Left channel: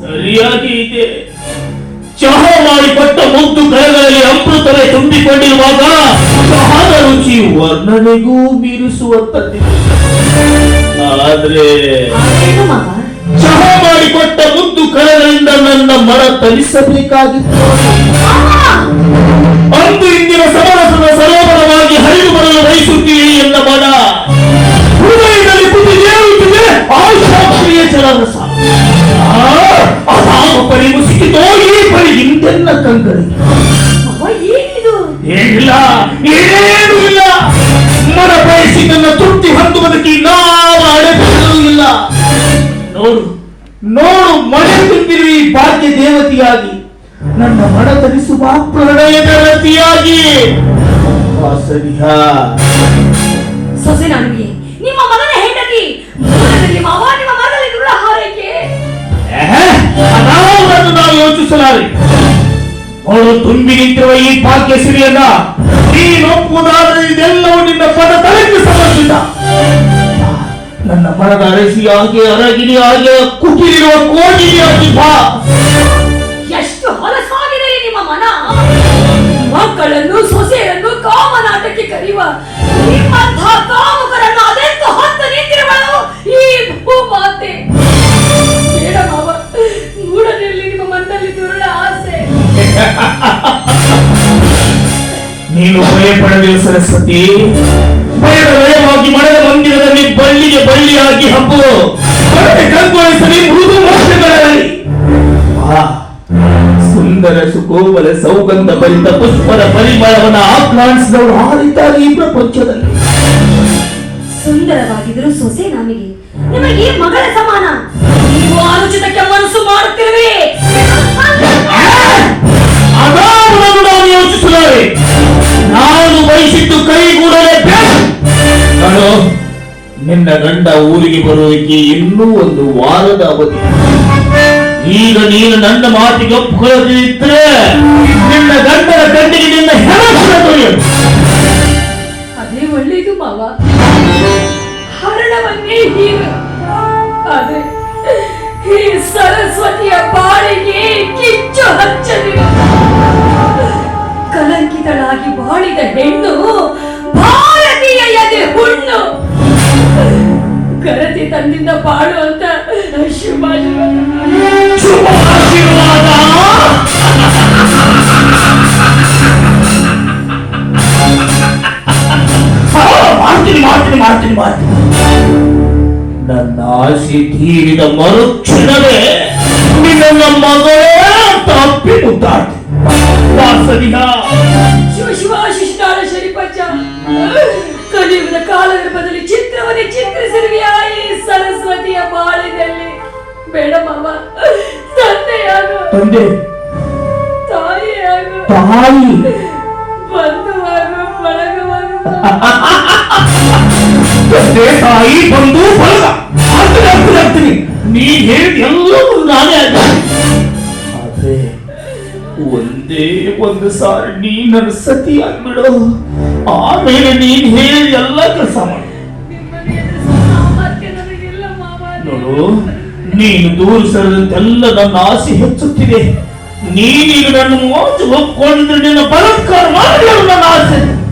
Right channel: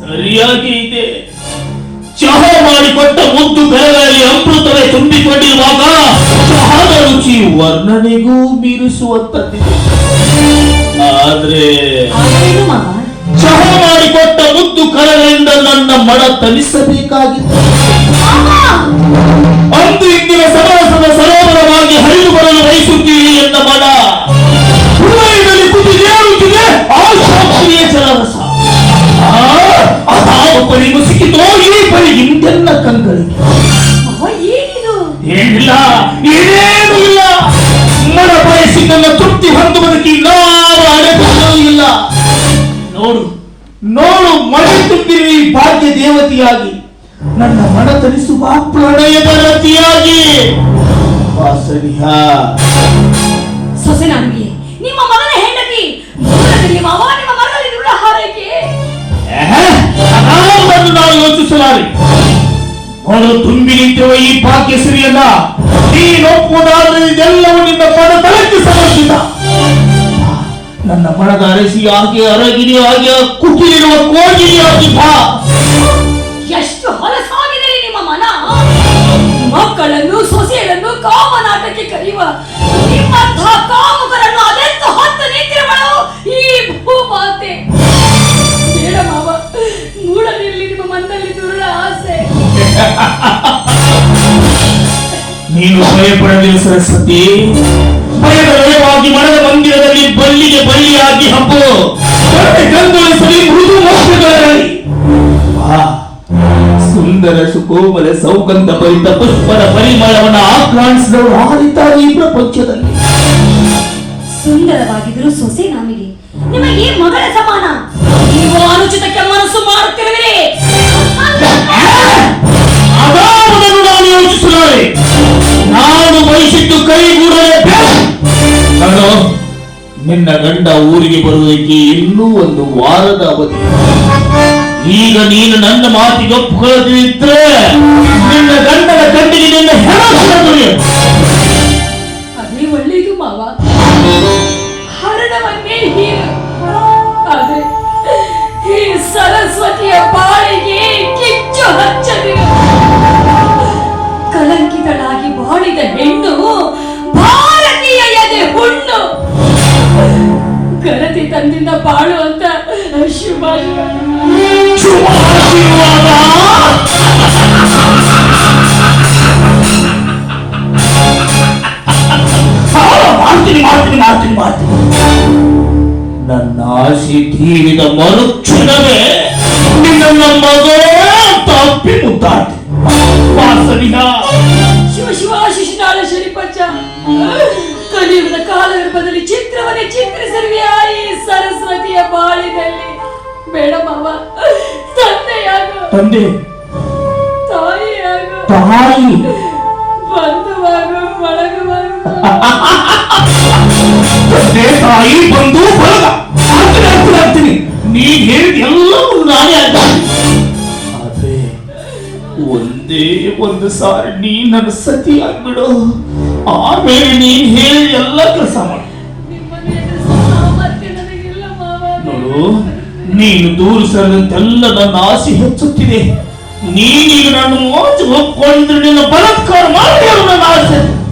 ಸರಿಯಾಗಿ ಇದೆ. ಚಹಾ ಮಾಡಿಕೊಟ್ಟ ಮುದ್ದು ಕರಗಳಲ್ಲಿ ಅಮೃತವೇ ತುಂಬಿಕೊಂಡಿರುವಾಗ ಚಹಾದ ರುಚಿ ವರ್ಣನೆಗೂ ಮೀರಿಸುವಂತದ್ದಿದೆ. ಆದ್ರೆ ಚಹಾ ಮಾಡಿಕೊಟ್ಟ ಮುದ್ದು ಕರಗಳಿಂದ ನನ್ನ ಮನ ತಲಿಸಬೇಕಾಗಿತ್ತು. ಅಂದು ಇಂದಿನ ಸಮರಸದ ಸರೋವರವಾಗಿ ಹರಿದು ಬರಲು ಬಯಸುತ್ತೀರಿ ಎಂದ ಮನ ಹೃದಯದಲ್ಲಿ ಕುದಿದೇಳುತ್ತಿದೆ ಆಶಾಕ್ಷಿಯ ಜಲರಸ. ಅದಾಗೊಬ್ಬರಿಗೂ ಸಿಕ್ಕಿತೋ ಈ ಪರಿ ಇಂತೆಲ್ಲ ಕಂಗಳಿಗೆ ಏನಿಲ್ಲ, ಏನೇನೂ ಇಲ್ಲ. ಮನ ಬಯಸಿದ್ದನ್ನ ತೃಪ್ತಿ ಹೊಂದುವುದಕ್ಕೆ ಯಾವ ಅಡೆತಡೆಯೂ ಇಲ್ಲ. ನೋಡು ನೋಡು, ಮನೆ ತುಂಬಿರುವ ಈ ಭಾಗ್ಯ ದೇವತೆಯಾಗಿ ನನ್ನ ಮನ ತರಿಸುವ ಪ್ರಣಯದ ಲತಿಯಾಗಿ ಸೊಸೆ ನನಗೆ ನಿಮ್ಮ ಮಗನ ಹೆಂಡತಿ ಮೂಲದಲ್ಲಿ ಮಾವ ನಿಮ್ಮ ಮಗನಲ್ಲಿ ನುಳ್ಳ ಹಾರೈಕೆ ಅದಾವುದನ್ನು ನಾವು ಯೋಚಿಸಲಾರೆ. ಅವಳು ತುಂಬಿ ನಿಂತಿರುವ ಈ ಭಾಗ್ಯ ಸಿರಿಯನ್ನ ನೀನೊಪ್ಪುವುದಾದರೆ ಇದೆಲ್ಲವೂ ನಿನ್ನ ಪದ ತಲೆಗೆ ಸಮರ್ಪಿತ. ನನ್ನ ಮನದ ಅರಸಿಯಾಗಿ ಅರಗಿರಿಯಾಗಿ ಕುಟಿಲಿರುವ ಕೋಗಿಲಿಯಾಗಿ ಬಾ. ಎಷ್ಟು ಹೊಲಸಾಗಿದೆ ನಿಮ್ಮ ಮನ. ಮಕ್ಕಳನ್ನು ಸೊಸೆಯನ್ನು ಕಾಮನಾಟಕ್ಕೆ ಕರೆಯುವ ನಿಮ್ಮಂಥ ಕಾಮುಕರನ್ನು ಅದೆಂದು ಹೊತ್ತು ನಿಂತಿರುವಳು ಈ ಭೂಮಾತೆ. ಬೇಡ ಮಾವ, ಮೂಡಲಿರಲಿ ನಿಮ್ಮ ಮನದಲ್ಲಿ ದುರುಳ ಆಸೆ. ನೀನು ಭಯಪಡದಿರು ಸರಸ್ವತಿ. ಭಯದ ಭಯವಾಗಿ ಮನದ ಮಂದಿರದಲ್ಲಿ ಬಳ್ಳಿಗೆ ಬಳ್ಳಿಯಾಗಿ ಹಬ್ಬು ಗಂಗೊಳಿಸಲಿ ಮೃದು ಮೋಕ್ಷಗಳಲ್ಲಿ. ಸುಂದರ ಸುಕೋಮಲ ಸೌಗಂಧ ಭರಿತ ಪುಷ್ಪರ ಪರಿಮಳವನ್ನು ಆಕ್ರಾಣಿಸಿದವರು ಹಾರಿದ್ದಾರೆ ಈ ಪ್ರಪಂಚದಲ್ಲಿ. ಸುಂದರವಾಗಿದ್ರು ಸೊಸೆ ನಮಗೆ, ನಿಮಗೆ ಮಗಳ ಸಮಾನ. ನೀವು ಅನುಚಿತಕ್ಕೆ ಮನಸ್ಸು ಮಾಡುತ್ತಿರುವೆ. ಅದಾವುದನ್ನು ನಾನು ಯೋಚಿಸಲಾರೆ. ನಾನು ಬಯಸಿದ್ದು ಕೈಗೂಡಲೇಬೇಕು. ನಿನ್ನ ಗಂಡ ಊರಿಗೆ ಬರುವಿಕೆ ಇನ್ನೂ ಒಂದು ವಾರದ ಅವಧಿ. ಈಗ ನೀನು ನನ್ನ ಮಾತಿಗೆ ಒಪ್ಪಿಕೊಳ್ಳದಿದ್ದರೆ ನಿನ್ನ ಗಂಡನ ಗಂಡಿಗೆ ನಿನ್ನ ಅದೇ ಒಳ್ಳೆಯದು ಮಾವ. ಹರಣವನ್ನೇ ಹೀರು. ಆದ್ರೆ ಈ ಸರಸ್ವತಿಯ ಬಾಳಿಗೆ ಕಿಚ್ಚು ಹಚ್ಚದಿರು. ಕಲಂಕಿತಳಾಗಿ ಬಾಳಿದ ಹೆಣ್ಣು ಭಾರತೀಯ ಎದೆ ಹುಣ್ಣು. ಗರತಿ ತಂದಿಂದ ಬಾಳು ಅಂತ ಶುಭಾಶೀರ್ವಾದ. ಮಾಡ್ತೀನಿ. ನನ್ನ ಆಸೆ ತೀರಿದ ಮರುಕ್ಷಣವೇ ನಿನ್ನ ಮಗಳೇ ತಪ್ಪಿ ಮುದ್ದಾಡ್ತೀನಿ. ಶಿವ ಶಿಶುನಾಳ ಶನಿಪಚ್ಚ ಕಲಿಯುಗದ ಕಾಲಗರ್ಭದಲ್ಲಿ ಚಿತ್ರವನ್ನೇ ಚಿತ್ರಿಸಿರುವೆಯ ಈ ಸರಸ್ವತಿಯ ಬಾಳಿನಲ್ಲಿ. ಬೇಡ ಮಾವ, ತಂದೆಯಾಗು, ತಾಯಿಯಾಗು, ಬಂಧುವಾಗು, ಬಳಗವಾಗು. ತಾಯಿ ಬಂಧು ಬಳಗ ಆಗ್ತೀನಿ. ನೀ ಹೇಳಿದ ಎಲ್ಲವೂ ನಾನೇ ಆದ್ರೆ ಒಂದೇ ಒಂದು ಸಾರಿ ನೀ ನನ್ನ ಸತಿ ಆಗ್ಬಿಡು. ಆಮೇಲೆ ನೀನ್ ಹೇಳಿ ಎಲ್ಲ ಕೆಲಸ ಮಾಡಿ. ನೋಡು, ನೀನು ತೋರಿಸದಂತೆಲ್ಲ ನನ್ನ ಆಸೆ ಹೆಚ್ಚುತ್ತಿದೆ. ನೀನೀಗ ನನ್ನ ಮೋಚ ಒಪ್ಕೊಂಡಿದ್ರೆ ನಿನ್ನ ಬಲಾತ್ಕಾರ ಮಾಡಿ ನನ್ನ ಆಸೆ